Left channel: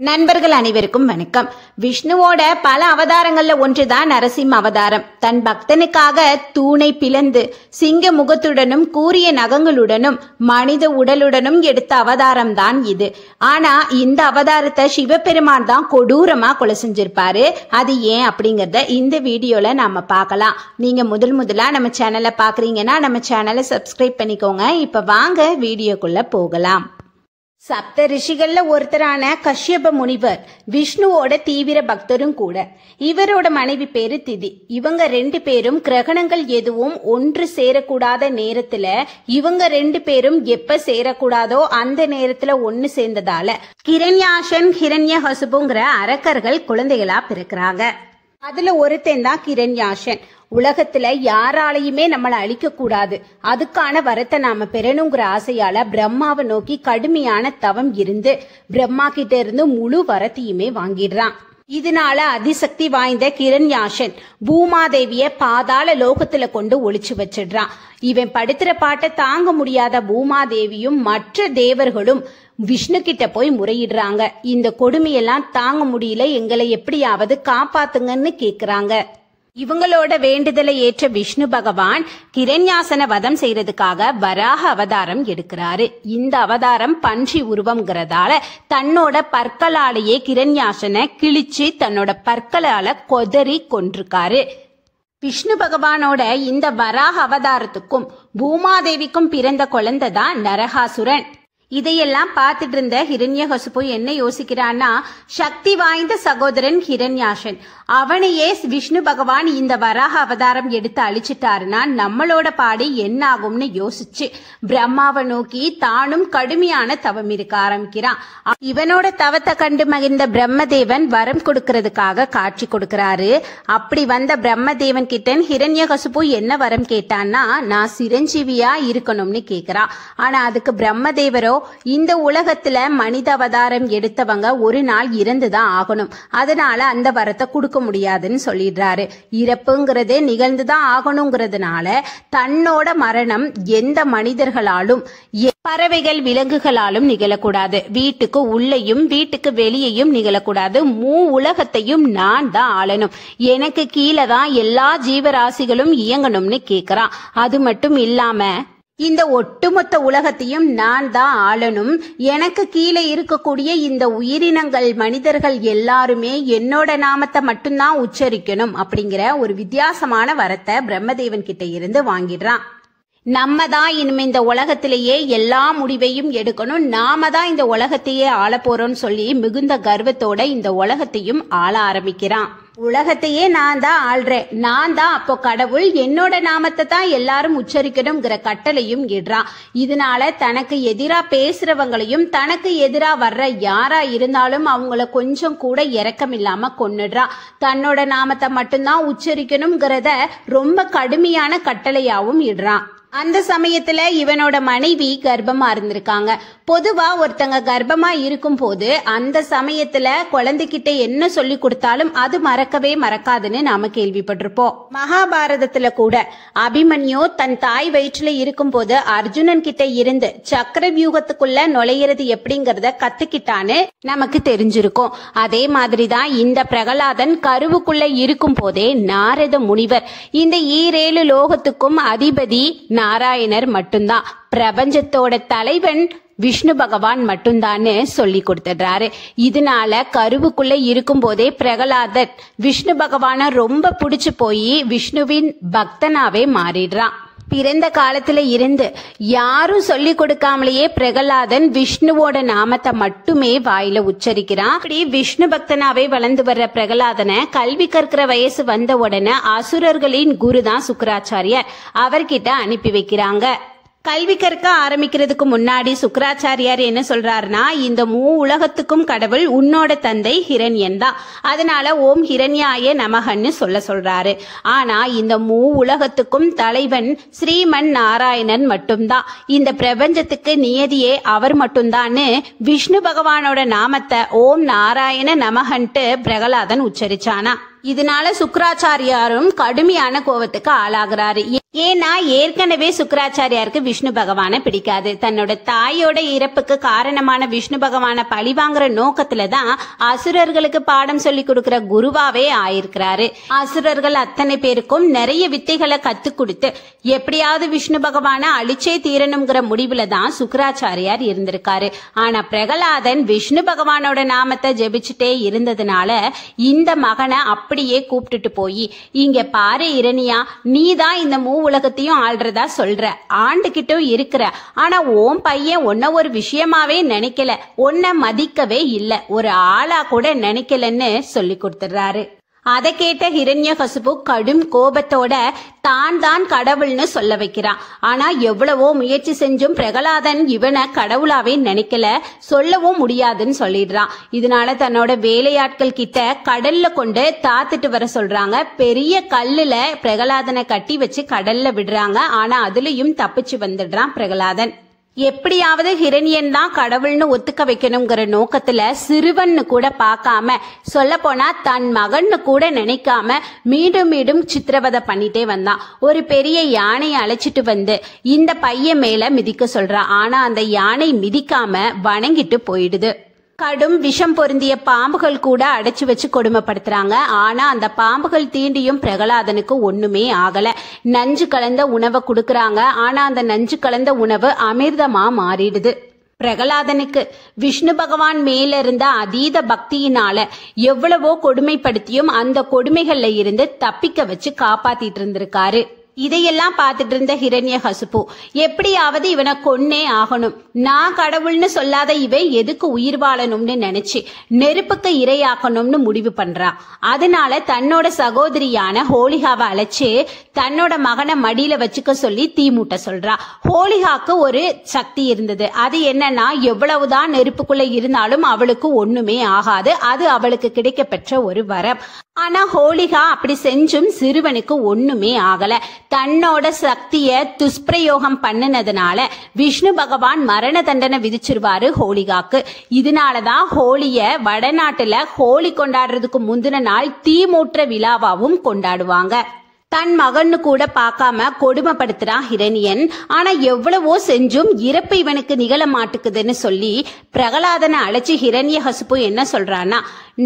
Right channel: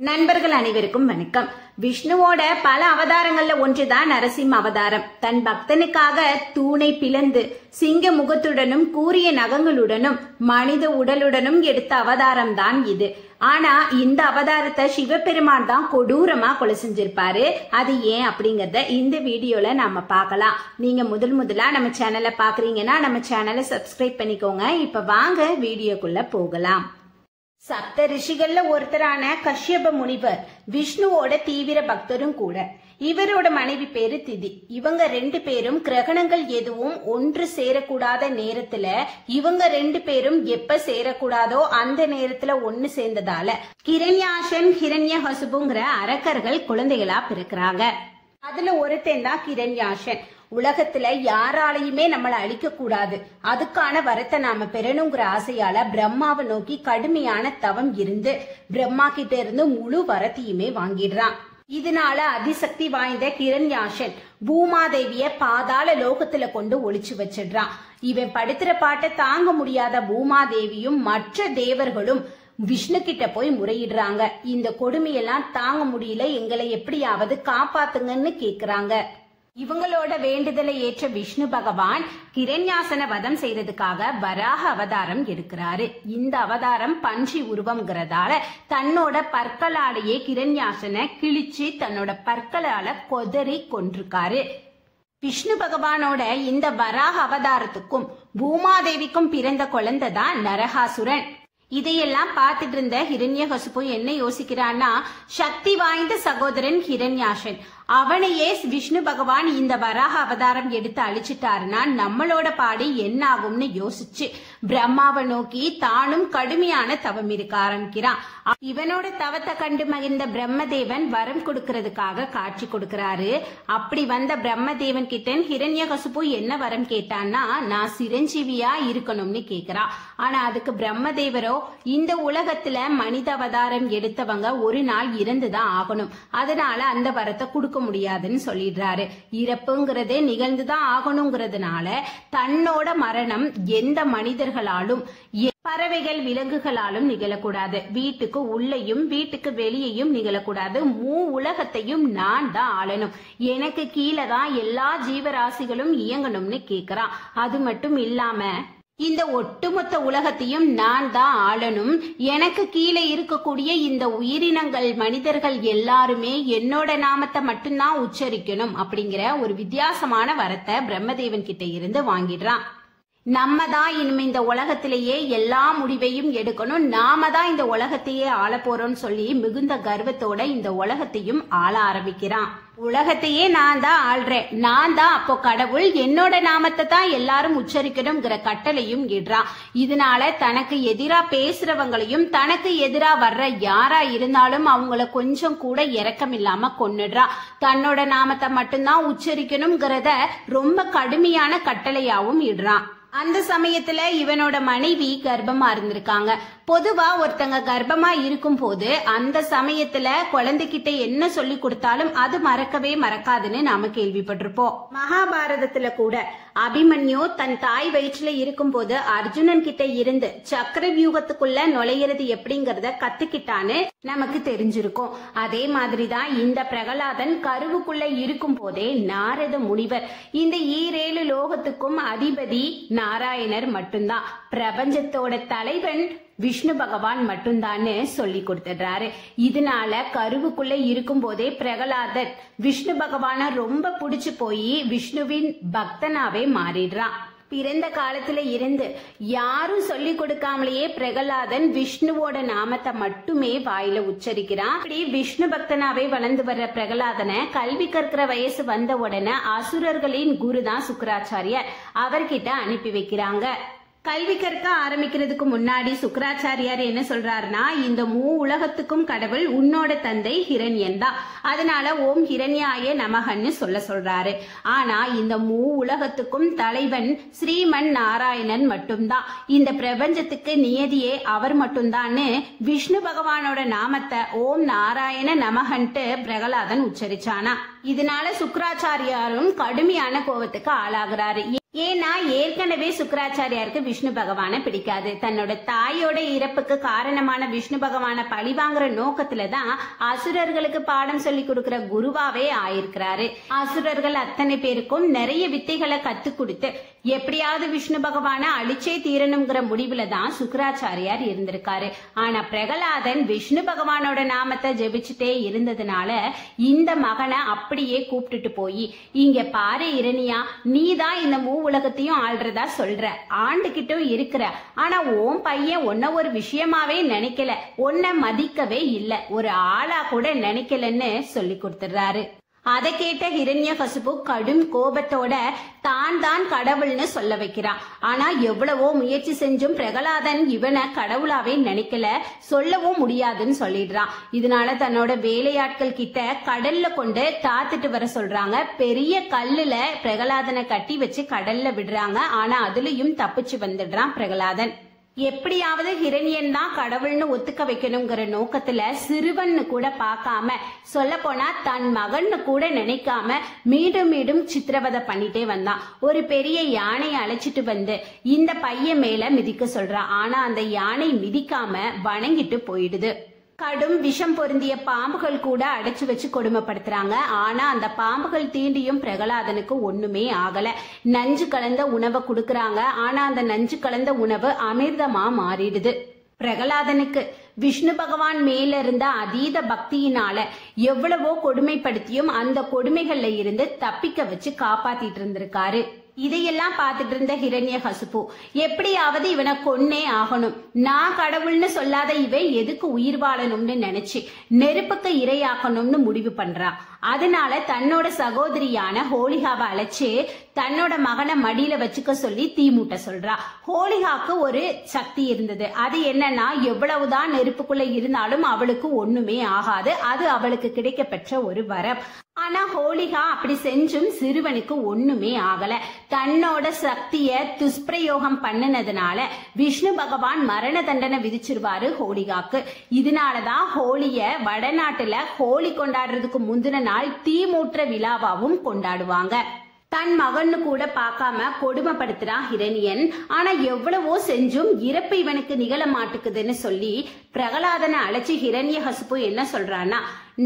நண்பர்கள் அனைவருக்கும் வணக்கம். விஷ்ணுவோட பல அவதாரங்கள்ல ஒன்றுதான் நரசிம்ம அவதாரம். தன் பக்தனுக்காக தூணை பிளந்து சிங்க முகத்துடனும் கூரிய நகங்களுடனும் மனித உடலுடனும் எடுத்த அவதாரம் தான் இது. ஆனா இந்த அவதாரத்தை சிவபெருமான் தான் கொடூரமா கொலை செஞ்சிருப்பாரு. அது ஏன் அப்படிங்கறத இந்த வீடியோல நாம பார்க்கலாம். நீங்க முதலா நம்ம சேனலை பாக்குறீங்கன்னா நம்ம சேனலை சப்ஸ்கிரைப் பண்ணிக்கோங்க. இப்ப வாங்க வீடியோக்குள்ள போகலாம். சப்த ரிஷிகள்ல ஒருத்தரான கஷ்யப முனிவர் விஷ்ணுவோட தீவிர பக்தரும் கூட. இவரோட மனைவி பேரு திதி. இவங்க ரெண்டு பேரும் கிரகணங்கள் எதுவும் ஒன்று சேரக்கூடாத நேரத்துல இவங்க ரெண்டு பேரும் எப்ப சேரக்கூடாதோ அந்த நேரத்துல ஒன்னு சேர்ந்ததால கிரண்யாசன் ஹிரண்யகசுபுங்கிற அரக்கர்கள் குழந்தைகளா பிறக்கிறாங்க. அதுல ஒருத்தன் தான் கிரண்யாசன். உலகத்துல யாராலையுமே நம்மளை அழிக்க கூடாது, அதுக்கான வரத்தை நாம பெறணுங்கிற ஆசையால பிரம்மாவை நோக்கி கடுமையான தவம் இருந்து பிரம்மா கிட்ட இருந்து முழு வரத்தையுமே வாங்கிடுறான். இதனால அதிசக்தி வாய்ந்த கிரண்யாசன் பூமாதேவிய பாதாள லோகத்துல கொண்டு ஒளிச்சு வச்சிடுறான். இவன் படுத்துற பாட்டை தாங்க முடியாத பூமாதேவியும் மற்ற தேவர்களும் விஷ்ணு கிட்ட போய் முறையிடுறாங்க. இந்த கொடுமையெல்லாம் தாங்க முடியல, எங்களை எப்படியாவது காப்பாத்துங்கன்னு கேக்குறாங்க. இவங்களோட வேண்டுதலை ஏற்ற விஷ்ணு பகவான் கிரண்யாசன வதம் செய்யறதுக்காக வராக அவதாரம் எடுக்கிறாரு. இந்த அவதாரம் பன்றி உருவம்ங்கிறதால தன்னோட பற்களாலேயே கிரண்யாசனை கிழிச்சு தன்னோட பற்களால கொதறி கொன்றிருக்காரு. விஷ்ணு பகவானோட இந்த வராக அவதாரத்துக்கும் பூமாதேவிக்கும் பிறந்த குழந்தை தான் நரகாசுரன். இதையெல்லாம் பார்த்துட்டு இருந்த ஹிரண்யகசுபு என்ன யோசிக்கிறான்னா, சக்தி வாய்ந்த சகோதரன் ஹிரண்யாசன் அவனையே விஷ்ணு பகவான் இந்த வராக அவதாரம் எடுத்து அழிச்சிட்டாருன்னா நம்மளோட பாடி என்ன ஆகும்னு யோசிச்சு பிரம்மாவை நோக்கி தானும் கடுமையான தவம் இருக்க ஆரம்பிக்கிறான். இவனோட தவத்தை கண்டு மகிழ்ந்த பிரம்மதேவன் வரம் கொடுக்கறதுக்காக காட்சி கொடுக்கிறாரு. அப்படி வந்த பிரம்மதேவன் கிட்ட ஹிரண்யகசுபு என்ன வரம் கேட்டான்னா, நான் சிரஞ்சீவியா இருக்கணும்னு கேக்குறான். ஆனா அதுக்கு பிரம்மதேவரோ, இந்த உலகத்துல மனித அவதாரம் எடுத்தவங்க ஒரு நாள் இறந்துதான் ஆகணும், அதனால அந்த வரத்தை கொடுக்க முடியாதுன்னு சொல்லிடுறாரு. இறப்புங்கிறது நிகழ்ந்துதான் ஆகணுங்கிறதுனால தன்னோட மரணம் எந்த மனிதர்களாலும் பறவைகள் விலங்குகளாலும் நிகழக்கூடாது, வீட்டுக்கு உள்ளேயும் வீட்டுக்கு வெளியேயும் நிகழக்கூடாது, உலகத்தையும் நான் தான் ஆளணும், எனக்கு கீழே தான் எல்லா ஜீவராசிகளும் இயங்கணும்னு கேக்குறான். அது மட்டும் இல்லாம இந்த ஒட்டுமொத்த உலகத்தையும் நான் தான் ஆளணும், எனக்கு கீழே இருக்கக்கூடிய இந்த உயிரினங்கள் மனிதர்கள் எல்லாருமே என்னோட நாமத்தை மட்டும்தான் உச்சரிக்கணும் அப்படிங்கிற ஒரு வித்தியாசமான வரத்தை பிரம்மதேவன் கிட்ட இருந்து வாங்கிடுறான். நம்ம தான் இனிமே இந்த உலகத்திலேயே எல்லா முடிவையும் எடுக்கணும், நாம தான் இந்த உலகத்தையே ஆள போறோம்னு சொல்லி மிகுந்த கர்வத்தோட இந்த உலகத்தையும் ஆள ஆரம்பிக்கிறான். உலகத்தையே நான் தான் ஆள்றேன், நான் தான் அப்போ கடவுள், என்னோட நாமத்தை தான் எல்லாரும் உச்சரிக்கணுங்கிற கட்டளையும் இடுறான். இதனால தனக்கு எதிரா பேசுறவங்களையும் தனக்கு எதிரா வர்ற யாரா இருந்தாலும் அவங்கள கொஞ்சம் கூட இரக்கம் இல்லாம கொன்னுடுறான். தன்னோட நாமத்தை மட்டும்தான் உச்சரிக்கணுங்கிறத ரொம்ப கடுமையான கட்டளையாவும் இடுறான். அந்த சமயத்துல இவனோட மனைவி கர்ப்பமா இருந்திருக்காங்க. பொதுவா ஒருத்தங்க கர்ப்பமா இருக்கும் போது அந்த சமயத்துல குழந்தைகிட்ட என்ன சொல்லி கொடுத்தாலும் அது மறக்கவே மறக்காதுன்னு நாம கேள்விப்பட்டிருப்போம். மகாபாரதத்துல கூட அபிமன்யு தன் தாய் வயிற்றுல இருக்கும் போது அர்ஜுனன் கிட்ட இருந்து சக்கர வியூகத்துக்குள்ள நுழையிறது எப்படிங்கறத கத்துக்கிட்டான்னு நமக்கு தெரிஞ்சிருக்கும். அதே மாதிரிதான் இந்த பிரகலாதன் கருவுக்குள்ள இருக்கும் போதே நாரத முனிவர் இந்த ஈரேழு லோகத்துக்கும் அதிபதி நாராயணர் மட்டும்தான், பிரபஞ்சத்தோட தலைவன் விஷ்ணு பகவான் மட்டும்தான்னு சொல்லி கொடுத்துடுறாரு. இதனால கருவுக்குள்ள இருக்கும் போதே பிரகலாதன் விஷ்ணு பகவான ரொம்ப பிடிச்சு போய் விஷ்ணுவின் பக்தனாவே மாறிடுறான். பிறந்த காலத்துல இருந்து யாரும் சொல்லி கொடுக்காமலேயே பிரகலாதன் விஷ்ணுவோட நாமத்தை மட்டுமே வாயில உச்சரிக்கிறான். அப்படி விஷ்ணு பக்தனாவே வளர்ந்து வர்ற பிரகலாதனை கல்வி கற்கிற வயசு வந்த உடனே அசுரர்களின் குரு தான் சுக்கராச்சாரியார், அவர்கிட்ட அனுப்பி வைக்கிறாங்க. கல்வி கற்க ஆரம்பிக்கிறதுக்கு முன்னாடி சுக்கராச்சாரியார் என்ன சொல்றாருன்னா, இந்த உலகத்துக்கும் கடவுள் உன்னோட தந்தை ஹிரண்யன் தான், அதனால ஓம் ஹிரண்யாய நமகன்னு சொல்றாரு. ஆனா இந்த உலகத்துக்கும் தலைவன் ஸ்ரீமன் நாராயணன் மட்டும்தான், இந்த பிரபஞ்சத்துக்கு நியதியே அவர் மட்டும்தான்னு விஷ்ணு பகவானோட நாமத்தை ஓம் நாராயண நமகன்ட்டு பிரகலாதன் உச்சரிச்சானா. இதனால சுக்கராச்சாரியாரும் கடுமையான கோபத்துக்கு ஆளாகிறாரு. ஏன்னா ஏற்கனவே சுக்கிராச்சாரியாருக்கு விஷ்ணு பகவான பிடிக்காது. தன்னோட தாயோட இறப்புக்கு காரணமான விஷ்ணு பகவான பழிவாங்குற நோக்கத்துலதான் அசுரர்களுக்கு பாடம் சொல்லி கொடுக்கிற குருவாவே ஆயிருக்கிறாரு. அசுரர்கள் அத்தனை பேருக்கும் நிறைய வித்தைகளை கத்து கொடுத்து எப்படியாவது விஷ்ணு பகவான அழிச்சே தீரணுங்கிற முடிவுல தான் சுக்கிராச்சாரியார் இருந்திருக்காரு. ஆனா பிரகலாதன் விஷ்ணு பகவானோட நாமத்தை ஜெபிச்சுட்டே இருந்ததுனால இந்த மகனை அப்படியே கூப்பிட்டுட்டு போய், இங்க பாரு இரணியா, நீதான் இந்த உலகத்தையும் ஆள்றதா சொல்ற, ஆண்டுகிட்டும் இருக்கிற, ஆனா உன் பையன் உன்ன ஒரு விஷயமாவே நினைக்கல, உன்னை மதிக்கவே இல்ல, ஒரு ஆளா கூட நினைக்கலன்னு சொல்லி கொடுத்துறாரு. அதை கேட்ட ஹிரண்யகசிபு கடும் கோபத்தோட தான் கடவுள்னு சொல்ல வைக்கிறான். ஆனா எவ்வளவோ முயற்சி செஞ்சும் பிரகலாதன் இவனை கடவுளாவே நினைக்கல, சொல்லவும் முடியாதுன்னு சொல்லிடுறான். இதனால தன்னோட வேலையாட்கள் கிட்ட கடல்ல கொண்டு தாத்துட்டு வர சொல்றாங்க. பெரிய கல்லுல பிரகலாதனை கட்டி வச்சு கடல்ல விடுறாங்க. ஆனா அதுலயும் தப்பிச்சு வந்துடுறான் பிரகலாதன். எப்படியாவது ஹிரண்யன் தான் கடவுள்னு ஒத்துக்க வைக்கணுங்கிற நோக்கத்துல சிறுவன்னு கூட பார்க்காம, சொல்ல போனா தன் மகன்னு கூட நினைக்காம மீண்டும் மீண்டும் சித்திரவதை பண்ணிட்டே வந்தான். ஒரு பெரிய யானையை அழைச்சிட்டு வந்து இந்த பையன் மேல மிதிக்க சொல்றான். ஆனா அந்த யானை மிதிக்காம வணங்கிட்டு போயிடுது. கடும் விஷம் பொருந்திய பாம்புகள் கூட அடைச்சு வச்சு கொடுமைப்படுத்துறாங்க. ஆனா அந்த பாம்புகள் தீண்டியும் பிரகலாதனுக்கு ஒண்ணுமே ஆகல. நஞ்சு கலந்த உணவை கொடுக்கறாங்க. ஆனா அந்த நஞ்சு கலந்த உணவு அமிர்தமா மாறிடுது. பிரகலாதனுக்கு விஷ்ணு பகவான் மேல இருந்த அதீத பக்தியினால எவ்வளவோ கொடுமைப்படுத்தியும் அந்த கொடுமைகள்ல இருந்து தப்பிக்க வச்சு காப்பாத்திட்டு இருந்திருக்காரு. இதையெல்லாம் பார்த்துட்டு இருந்த ஹிரண்யகசிபு எப்படியாவது இவனை கொன்னே ஆகணும், நான் கடவுள்னு சொல்லாத இவன் எதுக்கு உயிர் வாழணும்னு நினைச்சு நெருப்புக்கு இரையாக்கணும்னு முடிவு பண்றான். அதனால தன்னோட சகோதரியான ஹோலிகாவை அழைச்சு தன்னோட மகனை மடியில வச்சுக்க சொல்லி தீ மூட்ட சொல்றா. ஹோலிகாக்கு ஒரு சக்தி இருந்தது. அது என்னன்னா, எவ்வளவுதான் நெருப்புக்குள்ள இருந்தாலும் அவளுக்கு ஒண்ணுமே ஆகாது. அது அவளுக்கு கிடைக்க பெற்ற ஒரு வரம். ஆனா ஹோலிகா அப்படி செஞ்சும் சிறுவனுக்கு ஒண்ணுமே ஆகல. தன்னோட சக்திய துஷ்பிரயோகம் பண்ணினதுனால விஷ்ணு பகவான் மரண தண்டனை விதிச்சிருவாரு ஹோலிகாக்கு. இதனாலதான் ஹோலிய வடநாட்டுல ஹோலி கொண்டாடுறதுக்கு முந்தின நாள் தீமூற்ற விழாவாவும் கொண்டாடுவாங்க. தன் மகன்னு கூட பார்க்காம கொடுமைப்படுத்துறான் ஹிரண்யன். ஆனா எவ்வளவோ செஞ்சும் இறப்பு இவனுக்கு நிகழ மாட்டுக்குதுன்னு சொல்லி பிரகலாதனை அழைச்சி ஹிரண்யகசிபு என்ன சொல்றான்னா,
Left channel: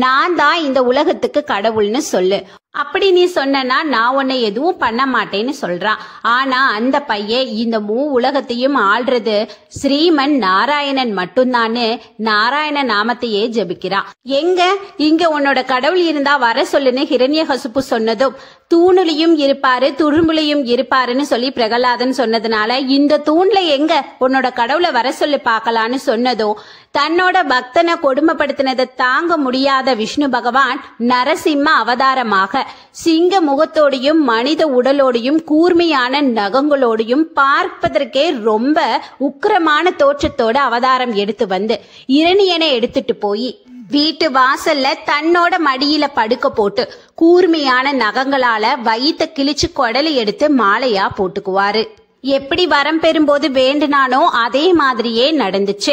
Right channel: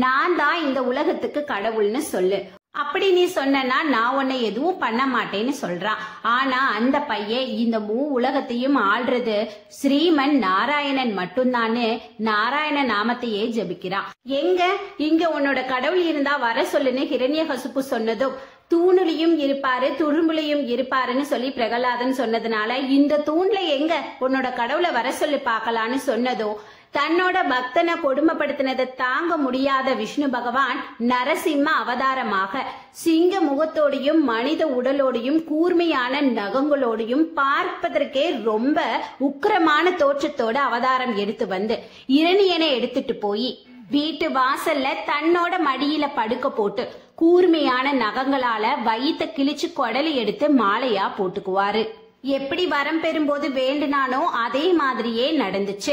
நான் தான் இந்த உலகத்துக்கு கடவுள்னு சொல்லு, அப்படி நீ சொன்னா நான் உன்னை எதுவும் பண்ண மாட்டேன்னு சொல்றான். ஆனா அந்த பையன் இந்த உலகத்தையும் ஆள்றது ஸ்ரீமன் நாராயணன் மட்டும்தான்னு நாராயண நாமத்தையே ஜபிக்கிறான். எங்க இங்க உன்னோட கடவுள் இருந்தா வர சொல்லுன்னு ஹிரண்யகசிபு சொன்னதும், தூணுலையும் இருப்பாரு துரும்புலையும் இருப்பாருன்னு சொல்லி பிரகலாதன் சொன்னதுனால இந்த தூண்ல எங்க உன்னோட கடவுளை வர சொல்லி பார்க்கலான்னு சொன்னதோ, தன்னோட பக்தனை கொடுமைப்படுத்தினதை தாங்க முடியாத விஷ்ணு பகவான் நரசிம்ம அவதாரமாக சிங்க முகத்தோடையும் மனித உடலோடையும் கூர்மையான நகங்களோடையும் பார்ப்பதற்கே ரொம்ப உக்கிரமான தோற்றத்தோட அவதாரம் எடுத்து வந்து இரணியனை எடுத்துட்டு போய் வீட்டு வாசல்ல தன்னோட மடியில படுக்க போட்டு கூர்மையான நகங்களால வயித்தை கிழிச்சு கொடலை எடுத்து மாலையா போட்டுக்குவாரு. எப்படி வரம் பெறும்போது வேண்டுனானோ அதே மாதிரியே நடந்துச்சு.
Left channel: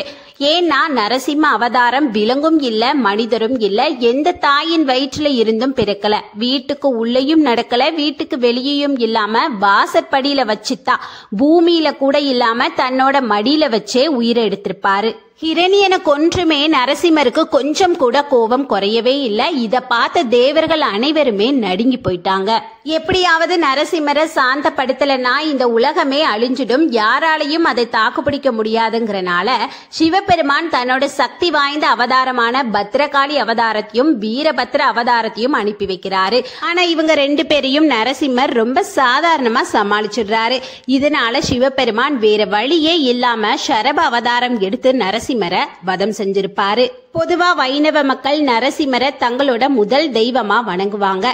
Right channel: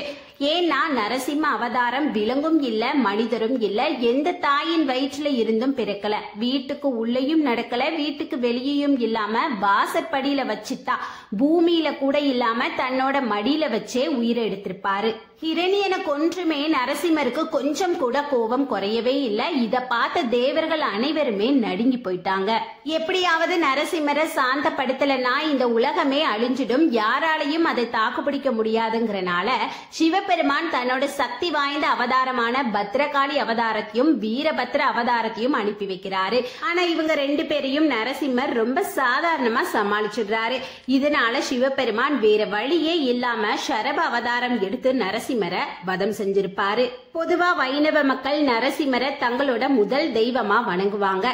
ஏன்னா நரசிம்ம அவதாரம் விலங்கும் இல்ல மனிதரும் இல்ல, எந்த தாயின் வயிற்றுல இருந்தும் பிறக்கல, வீட்டுக்கு உள்ளேயும் நடக்கல, வீட்டுக்கு வெளியேயும் இல்லாம வாசற்படியில வச்சுதான், பூமியில கூட இல்லாம தன்னோட மடியில வச்சே உயிரை எடுத்திருப்பாரு. ஹிரண்யனை கொன்றுமே நரசிம்மருக்கு கொஞ்சம் கூட கோபம் குறையவே இல்ல. இத பார்த்த தேவர்கள் அனைவருமே நடுங்கி போயிட்டாங்க. எப்படியாவது நரசிம்மரை சாந்தப்படுத்தலன்னா இந்த உலகமே அழிஞ்சிடும், யாராலையும் அதை தாக்குப்பிடிக்க முடியாதுங்கிறனால சிவபெருமான் தன்னோட சக்தி வாய்ந்த அவதாரமான பத்ரகாளி அவதாரத்தையும் வீரபத்ர அவதாரத்தையும் அனுப்பி வைக்கிறாரு. ஆனா இவங்க ரெண்டு பேரையும் நரசிம்மர் ரொம்ப சாதாரணமா சமாளிச்சிடுறாரு. இதனால சிவபெருமான் வேற வழியே இல்லாம சரப அவதாரம் எடுத்து நரசிம்மரை வதம் செஞ்சிருப்பாரு. பொதுவா வைணவ மக்கள் நரசிம்மரை தங்களோட முதல் தெய்வமா வணங்குவாங்க.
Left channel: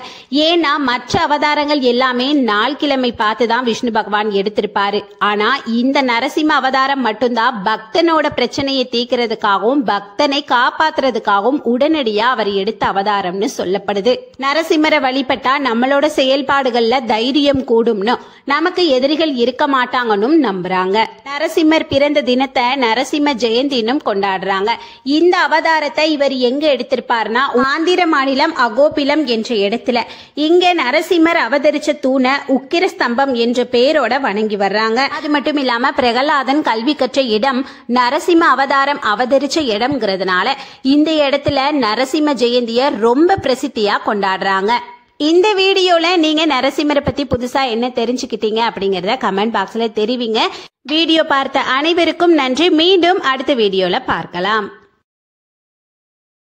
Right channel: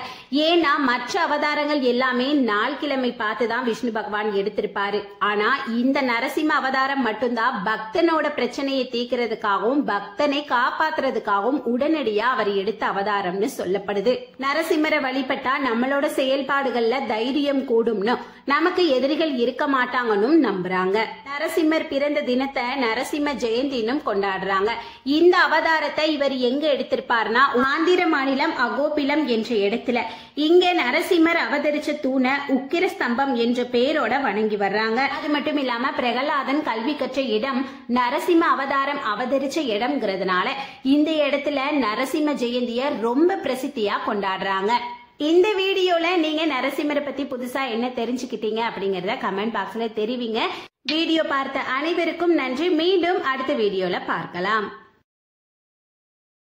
ஏன்னா மற்ற அவதாரங்கள் எல்லாமே நாள் கிழமை பார்த்துதான் விஷ்ணு பகவான் எடுத்திருப்பாரு. ஆனா இந்த நரசிம்ம அவதாரம் மட்டும்தான் பக்தனோட பிரச்சனையை தீர்க்கிறதுக்காகவும் பக்தனை காப்பாத்துறதுக்காகவும் உடனடியா அவர் எடுத்த அவதாரம்னு சொல்லப்படுது. நரசிம்மரை வழிபட்டா நம்மளோட செயல்பாடுகள்ல தைரியம் கூடும்னு, நமக்கு எதிரிகள் இருக்க மாட்டாங்கன்னு நம்புறாங்க. நரசிம்மர் பிறந்த தினத்தை நரசிம்ம ஜெயந்தினும் கொண்டாடுறாங்க. இந்த அவதாரம் அவதாரத்தை இவர் எங்க எடுத்திருப்பார்னா ஆந்திர மாநிலம் அகோபிலம் என்ற இடத்துல. இங்க நரசிம்மர் அவதரிச்ச தூணை உக்கிர ஸ்தம்பம் என்ற பெயரோட வணங்கி வர்றாங்க. அது மட்டும் இல்லாம பிரகலாதன் கல்வி கற்ற இடம் நரசிம்ம அவதாரம் அவதரிச்ச இடம்ங்கிறதுனால இந்த இடத்துல நரசிம்ம ஜெயந்திய ரொம்ப பிரசித்தியா கொண்டாடுறாங்க. இந்த வீடியோல நீங்க நரசிம்மரை பத்தி புதுசா என்ன தெரிஞ்சுக்கிட்டீங்க அப்படிங்கறத கமெண்ட் பாக்ஸ்ல தெரிவிங்க. வீடியோ பார்த்த அனைவருக்கும் நன்றி. மீண்டும் அடுத்த வீடியோல பார்க்கலாம்.